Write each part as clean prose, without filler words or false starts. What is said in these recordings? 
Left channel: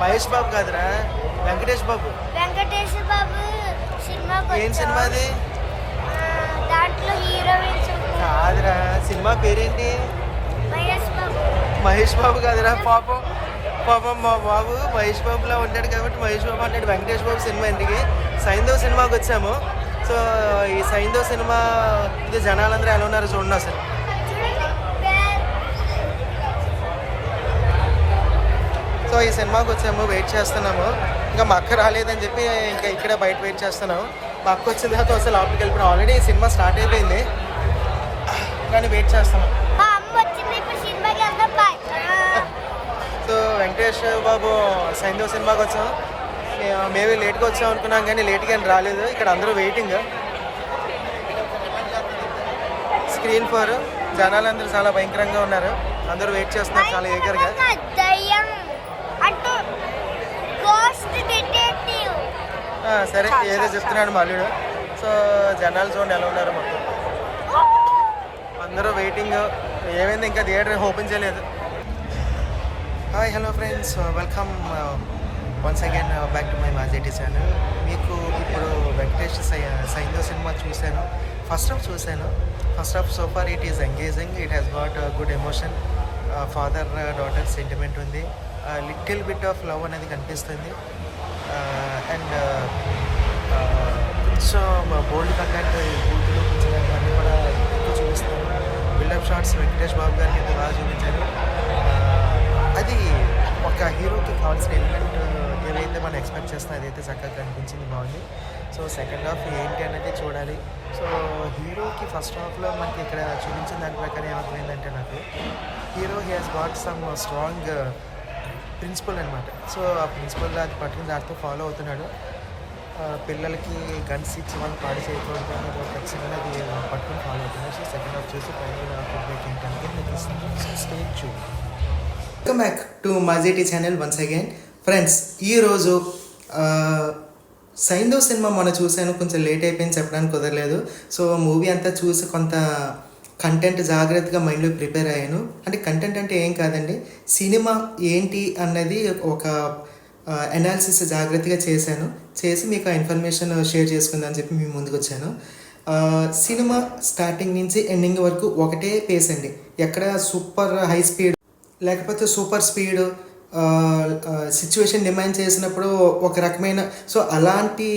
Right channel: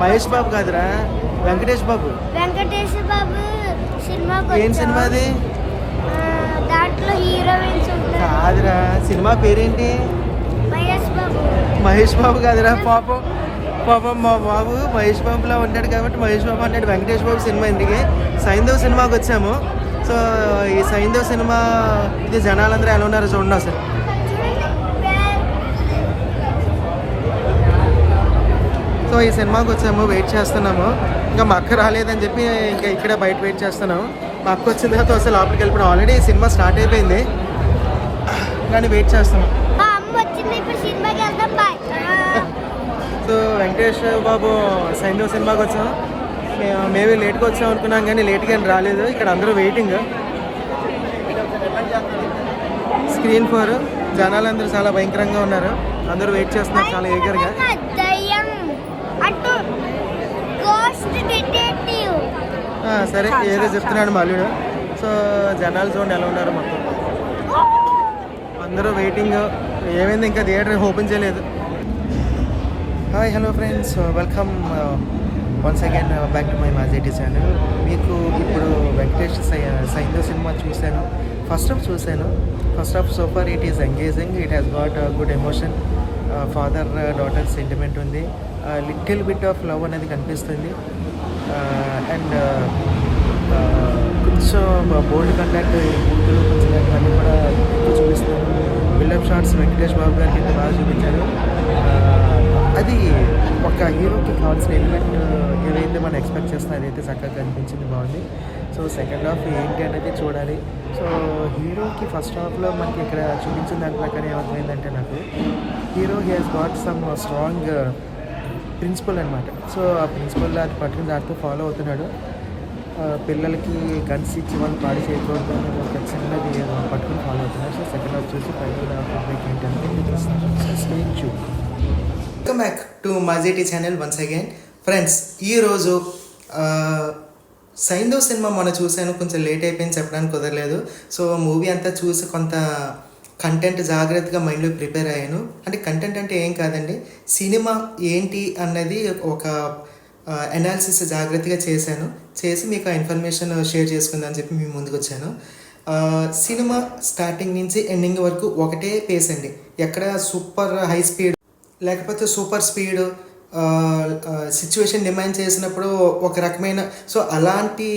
మహేష్ బాబు కాదురా, వెంకటేష్ బాబు. వెంకటేష్ బాబు సినిమా ఏం సినిమా అది? దాంట్లో హీరోయిన్స్ ఉంటారు. కాదురా, సినిమా పేరేంటి? మహేష్ బాబు. మహేష్ బాబు కాదురా, పాపం పాపం మా బాబు మహేష్ బాబులో ఉంటాడు కాబట్టి మహేష్ బాబు అంటాడు. వెంకటేష్ బాబు సినిమా ఇందుకే. సైంధవ్ సినిమాకి వచ్చాము. సో ఈ సైంధవ్ సినిమా ఇది జనాలందరూ ఎలా ఉన్నారో చూడండి అసలు. సో ఈ సినిమాకి వచ్చాము, వెయిట్ చేస్తున్నాము. ఇంకా మా అక్క రాలేదని చెప్పి ఇంకా ఇక్కడే బయట వెయిట్ చేస్తున్నాము. మా అక్క వచ్చిన తర్వాత వస్తే లోపలికి వెళ్ళిపోయాం. ఆల్రెడీ సినిమా స్టార్ట్ అయిపోయింది కానీ వెయిట్ చేస్తున్నాం. మా అమ్మ వచ్చింది, ఇప్పుడు సినిమాకి వెళ్తాం. బాయ్. సో వెంకటేష్ బాబు సైంధవ్ సినిమాకి వచ్చాం. మేమే లేట్గా వచ్చాం అనుకున్నాం కానీ లేట్గా ఏం రాలేదు. ఇక్కడ అందరూ వెయిటింగ్. స్క్రీన్ 4 జనాలందరూ చాలా భయంకరంగా ఉన్నారు. అందరూ వెయిట్ చేస్తున్నారు చాలా ఈగర్గా. దయ్యం అటు గోస్ట్ డిటెక్టివ్. సరే ఏదో చెప్తున్నాడు మా అల్లుడు. సో జనాలు చూడండి ఎలా ఉన్నారు మొత్తం. అందరూ వెయిటింగ్. ఏమైంది ఇంకా థియేటర్ ఓపెన్ చేయలేదు. Hi hello friends, welcome once again back to my Majeti channel. మీకు ఇప్పుడు వెంకటేష్ సైంధవ్ సినిమా చూశాను. ఫస్ట్ హాఫ్ చూశాను. First half super. It is engaging. It has got good emotion. Father daughter sentiment ఉంది. లిటిల్ బిట్ ఆఫ్ లవ్ అనేది కనిపిస్తుంది. And కొంచెం బోల్డ్ contact కొంచెం కూడా చూపిస్తాను. బిల్డప్ షాట్స్ వెంకటేష్ బాబు గారికి బాగా చూపించారు. అది ఒక హీరోకి కావాల్సిన ఎలిమెంట్ ఏదైతే మనం ఎక్స్పెక్ట్ చేస్తున్నా అదైతే చక్కగా కనిపించింది, బాగుంది. సో సెకండ్ హాఫ్ ఏంటి అనేది చూడాలి. సో హీరోకి ఫస్ట్ హాఫ్లో మనకి ఇక్కడ చూపించిన దాని ప్రకారం ఏమవుతుందంటే నాకు hero he has got some strong principle అనమాట. సో ఆ ప్రిన్సిపల్ అది పట్టుకుని దాంతో ఫాలో అవుతున్నాడు. పిల్లలకి గన్స్ ఇచ్చి వాళ్ళు పాడు చేయకూడదు ఖచ్చితంగా పట్టుకుని ఫాలో అవుతున్నాడు. సో సెకండ్ హాఫ్ చూసి welcome back to Majeti channel once again. Friends, ఈరోజు సైంధవ్ సినిమా మొన్న చూశాను. కొంచెం లేట్ అయిపోయింది, చెప్పడానికి కుదరలేదు. సో మూవీ అంతా చూసి కొంత కంటెంట్ జాగ్రత్తగా మైండ్లో ప్రిపేర్ అయ్యాను. అంటే కంటెంట్ అంటే ఏం కాదండి, సినిమా ఏంటి అన్నది ఒక అనాలిసిస్ జాగ్రత్తగా చేసి మీకు ఆ ఇన్ఫర్మేషన్ షేర్ చేసుకుందని చెప్పి మేము ముందుకు వచ్చాను. సినిమా స్టార్టింగ్ నుంచి ఎండింగ్ వరకు ఒకటే పేస్ అండి. ఎక్కడ సూపర్ హై స్పీడ్ లేకపోతే సూపర్ స్పీడ్ సిచ్యువేషన్ డిమాండ్ చేసినప్పుడు ఒక రకమైన సో అలాంటి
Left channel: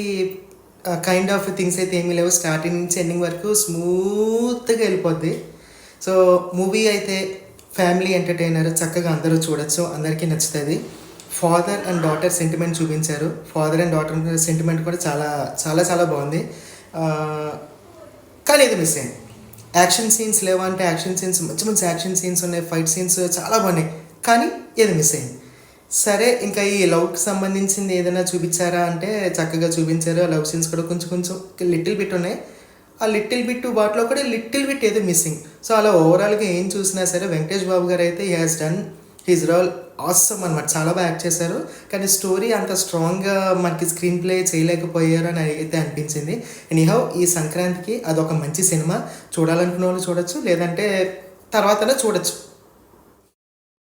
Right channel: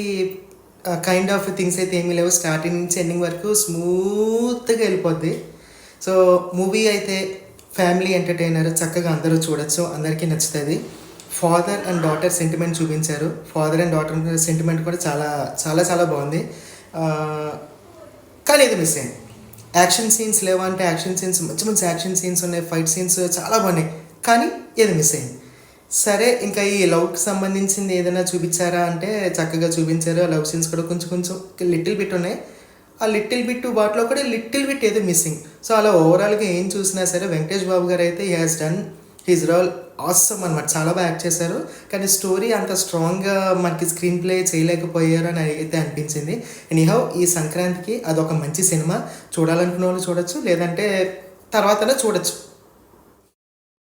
కైండ్ ఆఫ్ థింగ్స్ అయితే ఏమీ లేవు. స్టార్టింగ్ నుంచి ఎండింగ్ వరకు స్మూత్గా వెళ్ళిపోద్ది. సో మూవీ అయితే ఫ్యామిలీ ఎంటర్టైనర్, చక్కగా అందరూ చూడొచ్చు, అందరికీ నచ్చుతుంది. ఫాదర్ అండ్ డాటర్ సెంటిమెంట్ చూపించారు. ఫాదర్ అండ్ డాటర్ సెంటిమెంట్ కూడా చాలా చాలా చాలా బాగుంది. కానీ ఇది మిస్ అయింది. యాక్షన్ సీన్స్ లేవంటే యాక్షన్ సీన్స్ మంచి మంచి యాక్షన్ సీన్స్ ఉన్నాయి, ఫైట్ సీన్స్ చాలా బాగున్నాయి. కానీ ఇది మిస్ అయింది. సరే, ఇంకా ఈ లవ్కి సంబంధించింది ఏదైనా చూపించారా అంటే చక్కగా చూపించారు. ఆ లవ్ సీన్స్ కూడా కొంచెం కొంచెం లిటిల్ బిట్ ఉన్నాయి. ఆ లిటిల్ బిట్ వాటిలో కూడా లిటిల్ బిట్ ఏదో మిస్సింగ్. సో అలా ఓవరాల్గా ఏం చూసినా సరే వెంకటేష్ బాబు గారు అయితే he has done his role awesome అనమాట. చాలా బాగా యాక్ట్ చేశారు. కానీ స్టోరీ అంత స్ట్రాంగ్గా మనకి స్క్రీన్ ప్లే చేయలేకపోయారు అని అయితే అనిపించింది. ఎనీహౌ ఈ సంక్రాంతికి అదొక మంచి సినిమా. చూడాలనుకున్న వాళ్ళు చూడొచ్చు, లేదంటే తర్వాతనే చూడొచ్చు.